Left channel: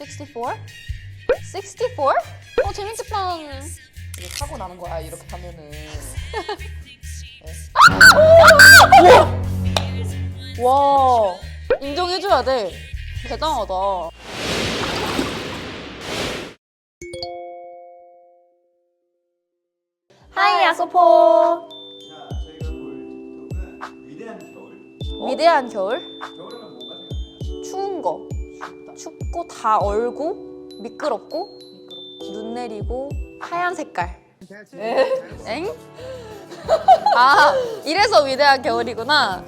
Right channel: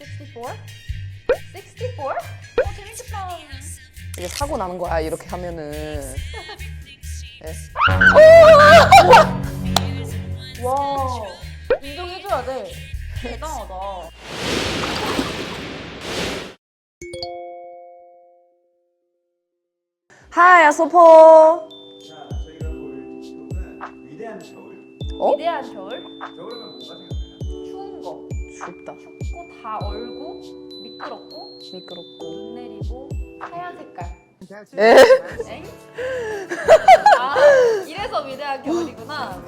64? 64? 재밌겠다. 이게 사고 나는 거야 이렇게 하면은. 와, 인정해줘야 돼. 대단하다. 하이 아소포. 자, 저희가 볼 틱톡은 위대한 겨울. 위대한 겨울? 겨울하면 뭐가 생각나요? 추운 거. 춥다. 춥고 다 얼고 미끄럽고 눈 내리고 하얀 색깔. 엥? 아, 이래서 위대한 겨울이구나.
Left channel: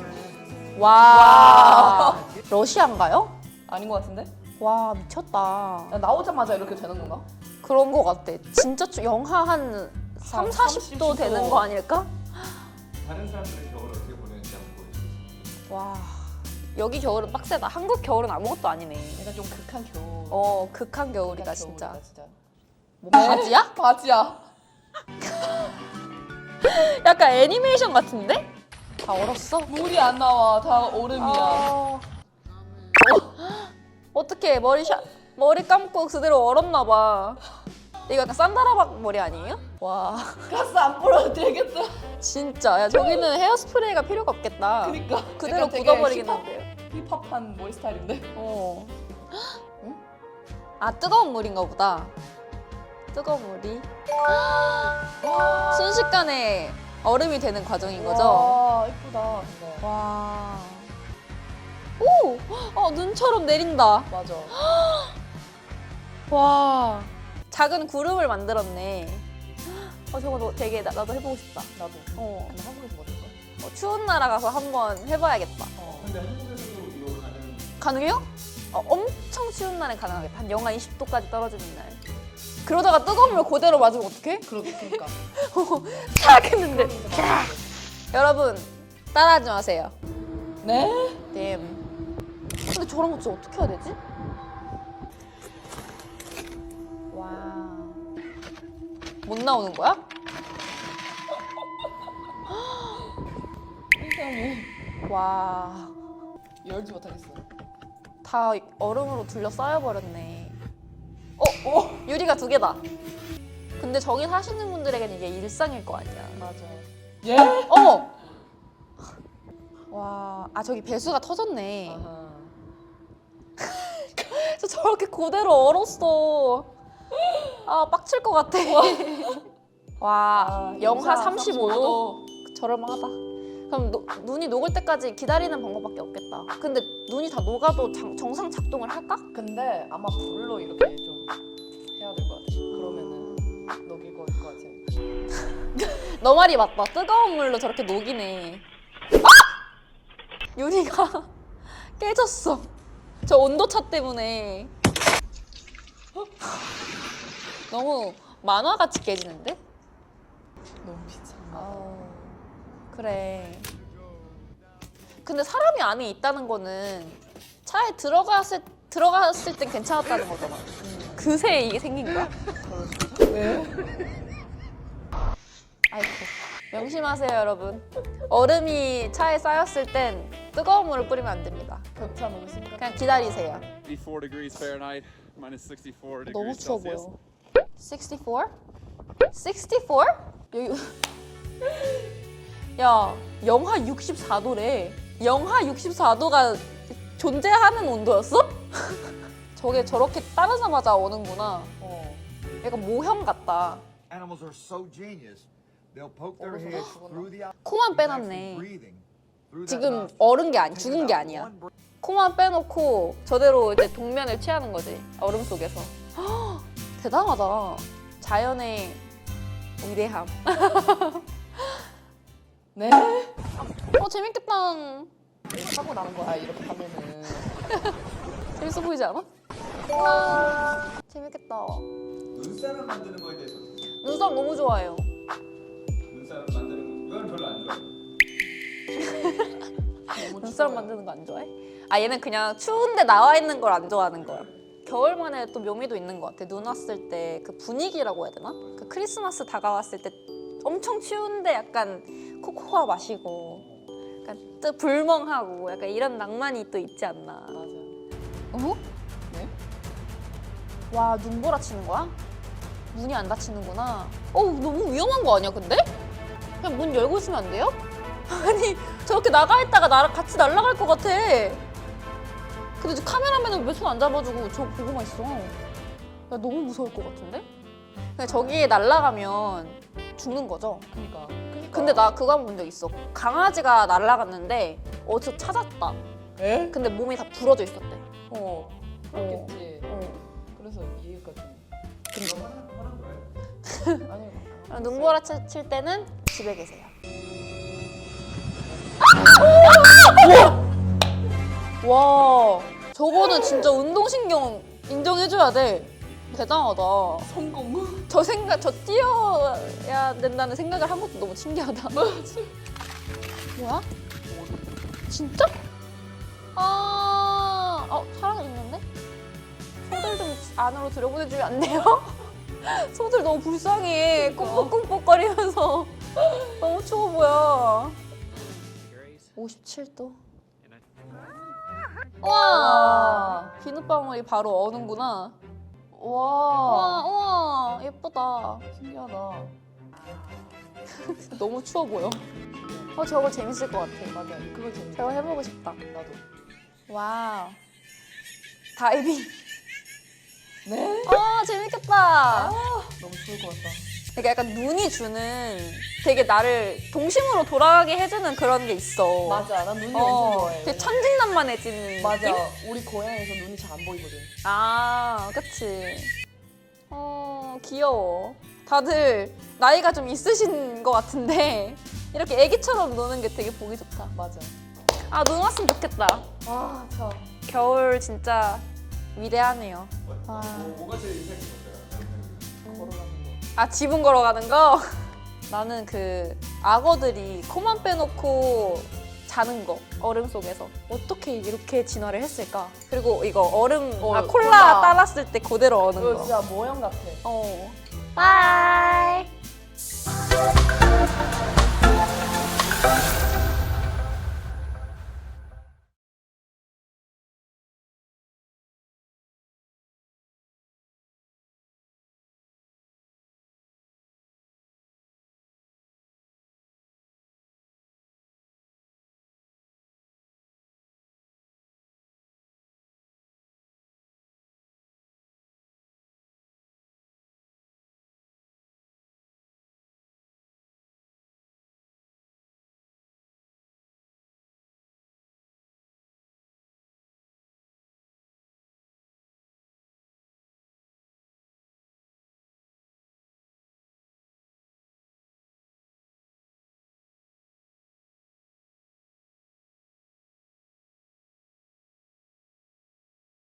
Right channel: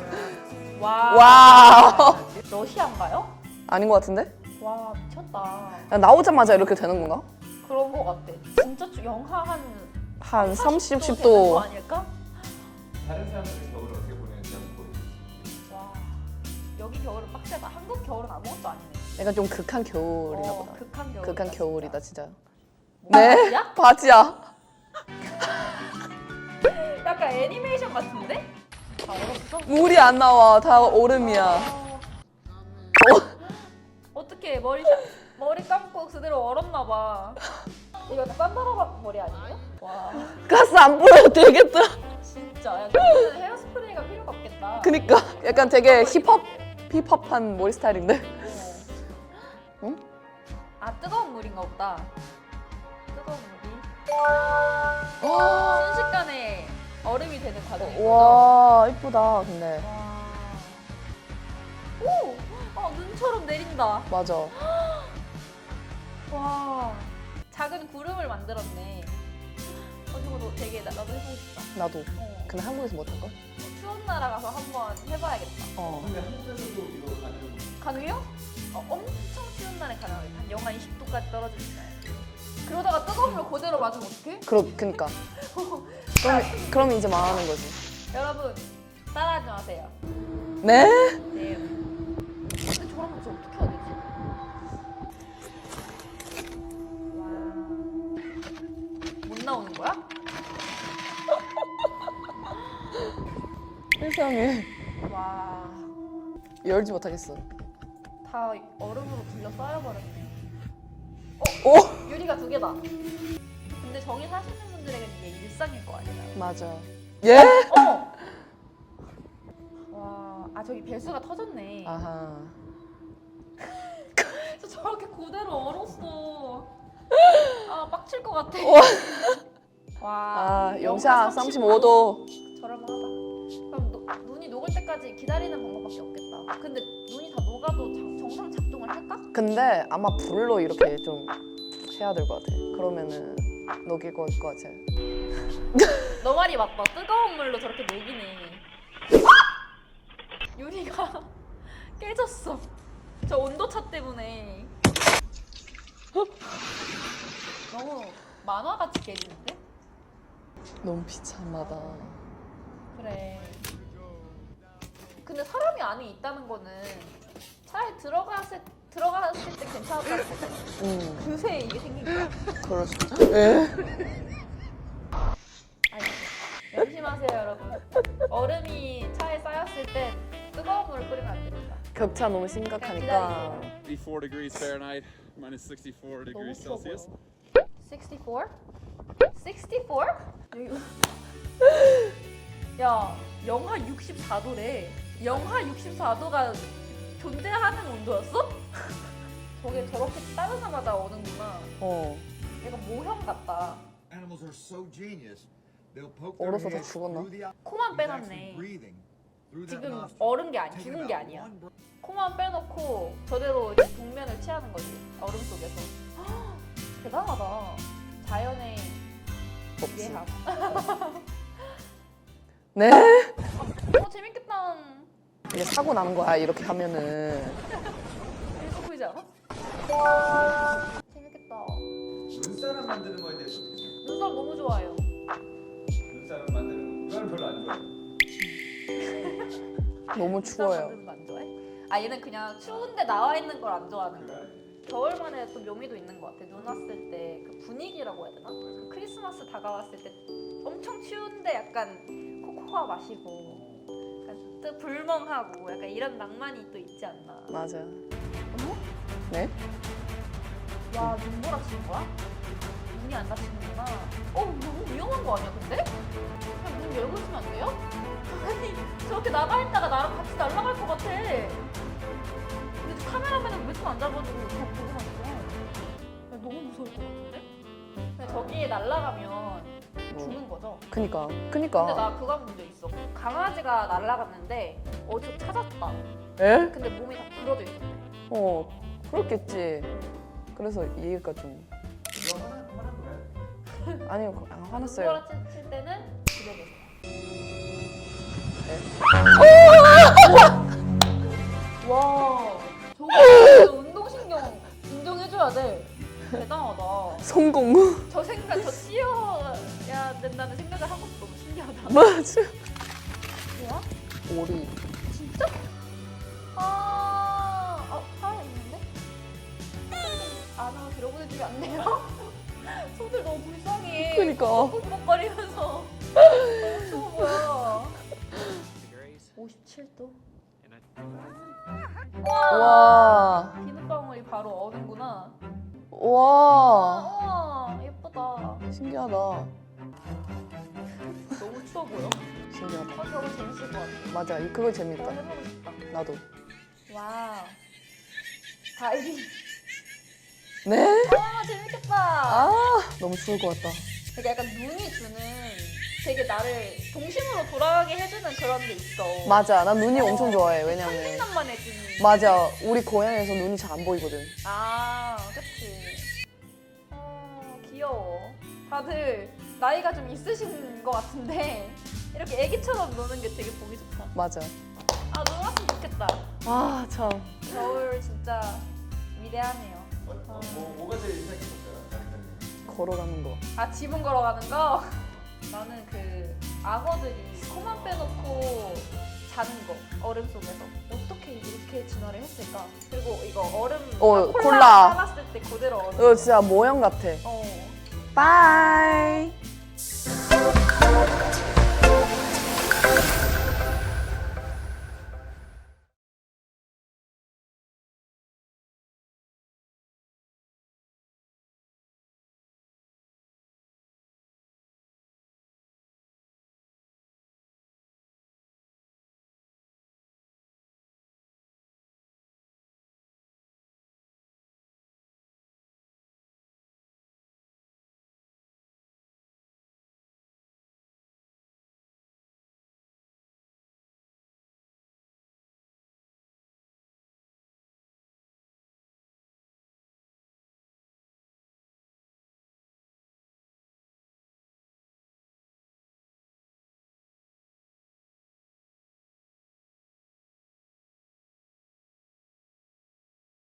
와. 러시아인가요? 아닌 것 같은데? 와, 미쳤다. 야, 나오자마자 이렇게 되는 건가? 그런 거 같아. 진짜 영하 한 30, 40도 40도. 되는 거 아닐까? 다른 사람들은 겨울을 어떻게 보내는지 한번 보여주세요. 와, 여기 겨울은 빡세다. 한국 겨울은 아무것도 아니네. 약간 좀 극한 겨울. 극한 겨울이다. 극한 겨울이다 진짜. 진짜. 바지야? 바지야. 약간 애니메이션 같은데? 다 얼었어? 물이 안 나와. 다 얼음이야. 어떻게 머리 감고 그대로 얼었나 봐. 이거 약간 산다라박 머리 아니에요? 와, 가스 안 뿌려도 되겠다. 진짜. 야, 저기는 헤어스프레이가 필요가 없겠다. 그니까 그대로 약간 되게 묻어버리겠는데. 힙합한 머리 스타일인데. 어. 응? 아, 뜨거운 물인가 보다. 뜨거운 물이 순식간에 얼음이 되는 과정인 거죠? 와 이쁘다 근데. 와. 오! 눈처럼 내린다. 맞아. 와. 작은 구름을 만들었네. 저거 되게 나도 해보고 싶다. 나도. 어. 근데 한국에서 못 할까? 추운 나라 가서 한번 해봐야겠다. 근데 한국에서도 이거 가능? 가능해요? 엄청 추운 날에 가능하겠다. 한 영하 20도까지 떨어지는 날. 그러다가 뜨거운 물 그대로 맞으면 어떡해? 그니까. 알겠는데. 그러면 이제 말하는 거지. 여러분, 따라하지 마세요. 네? 네. 근데 저런 거 진짜 어떻게 해야 되지? 와. 못 나오는 거야? 세상에. 와. 열지 못하겠어. 다 얼음으로 둘러싸여버렸네. 유리가 2개다. 근데 저기 사시는 분들에게는 이게 일상일 거 아니야. 맞아. 예? 와, 저기 배수가 터졌네. 아하. 저 저렇게 그대로 얼었어. 빡칠 것 같아. 와, 영하 35도. 저럴만하다. 그럼 눈이 녹을 때까지 기다리는 방법밖에 없겠다. 근데 눈이 다 녹아도 정상 작동을 할까? 근데 아마 불로 이렇게 좀 해야 될 것 같아. 그러면은 녹일 것 같아. 너 말이 맞다. 뜨거운 물로 저렇게 녹이네. 유리가 깨졌어. 저 온도차 때문에. 너무 만화같이 깨지는데? 너무 비참하다. 그래. 근데 사람이 안에 있다는 거는 차에 들어갔을 때 괜찮았다는 거죠. 그새 이게 생긴 거야. 그럴 수 있어. 명심하세요, 여러분. 얼음이 차에 쌓였을 땐 뜨거운 물을 뿌리면 안 됩니다. 격차 너무 심각하니까. 그냥 기다리세요. 64 degrees Fahrenheit, minus 64 너무 degrees 추워 Celsius. 보여. 64? 64? 여기 야, 영하 64도래. 영하 64도가 존재하는 온도였어? 저게 저렇게 따르자마자 오는구나. 약간 모형 같다. Animals are so genius. They'll poke their 얼어서 head 죽었나? through the 코만 actually 빼놨네. breathing through that 지금 nostril. 얼은 게 아니, Take 죽은 게 about 아니야. one breath. 코만 빼놓고 저대로 이제 동면을 취하는 거지. 얼음 속에서. 헉, 대단하다. 자연의 위대함. 네? 재밌겠다. 이게 사고 나는 거야 이렇게 하면은. 재밌어 보이지 않아? 재밌겠다. 눈사람 만드는 거에 대해서 어떻게 생각해요? 눈썹 너무 좋아해요. 눈사람 만드는 거 이건 별로 안 좋아해요. 너무 눈썹 추워요. 만드는 거 안 좋아해? 얘는 그냥 추운데 나와 있는 걸 안 좋아하는 거야. 겨울만의 또 묘미도 있는 것 같아. 눈 왔을 때 그 분위기라고 해야 되나? 그 크리스마스 다가왔을 때 엄청 추운데 약간 코코아 마시고 약간 또 불멍하고 약간 이런 낭만이 또 있지 않나. 맞아요. 어? 네? 와, 눈보라치는 거야? 문이 안 닫히는구나. 너무 위험한 거 아니야, 근데? 그냥 문 열고 있으면 안 돼요? 아니, 저렇게 나가 있다가 나랑 같이 날아갈 것 같아. 근데 저 카메라맨은 왜 손 안 잡아주고 저 보고만 있어? 나 너무 무서울 것 같은데? 그냥 저기에 날아가면 죽는 거죠? 그니까. 근데 나 그거 한 번 본 적 있어. 강아지가 날아갔는데 어디서 찾았다. 에? 근데 몸이 다 부러져 있었대. 그렇겠지. 그래서 이 얘기까지. 이거 화난 거야? 아니요. 눈보라 칠 때는 집에 계세요. 와, 저거는 진짜 운동신경 인정해줘야 돼. 대단하다. 성공. 저 뛰어야 된다는 생각을 한 것도 너무 신기하다. 맞아. 뭐야? 오리. 진짜? 사람 있는데? 소들 좀 안으로 들여보내주면 안 돼요? 소들 너무 불쌍해. 그러니까. 꽁꽁꽁거리면서 너무 추워 보여. 57도. 와, 와. 비눗방울이 바로 어는구나. 와. 우와, 예쁘다. 신기하다. 너무 추워 보여. 신기하다. 저거 재밌을 것 같아. 맞아. 그거 재밌다. 저거 해보고 싶다. 나도. 와우. 다이빙. 네? 재밌겠다. 너무 추울 것 같다. 그러니까 약간 눈이 주는 되게 나를 동심으로 돌아가게 해주는 그런 게 있어. 맞아. 난 눈이 엄청 좋아해. 되게 왜냐면- 천진난만해지는. 맞아. 우리 고향에서 눈이 잘 안 보이거든. 그치. 귀여워. 다들 나이가 좀 있으신 것 같은데 이렇게 애기처럼 노는 게 되게 보기 좋다. 맞아. 눈 왔으면 좋겠다. 참. 겨울 진짜 위대하네요. 뭐가 제일 인상 깊었어요? 걸어가는 거. 지붕 걸어가는 거? 나는 그 악어들이 코만 빼놓고 자는 거, 얼음 속에서. 어떻게 이렇게 진화를 했을까? 그리고 이거 얼음, 콜라 콜라. 따랐을 때 그대로 어는 이거 거. 진짜 모형 같아. 바이.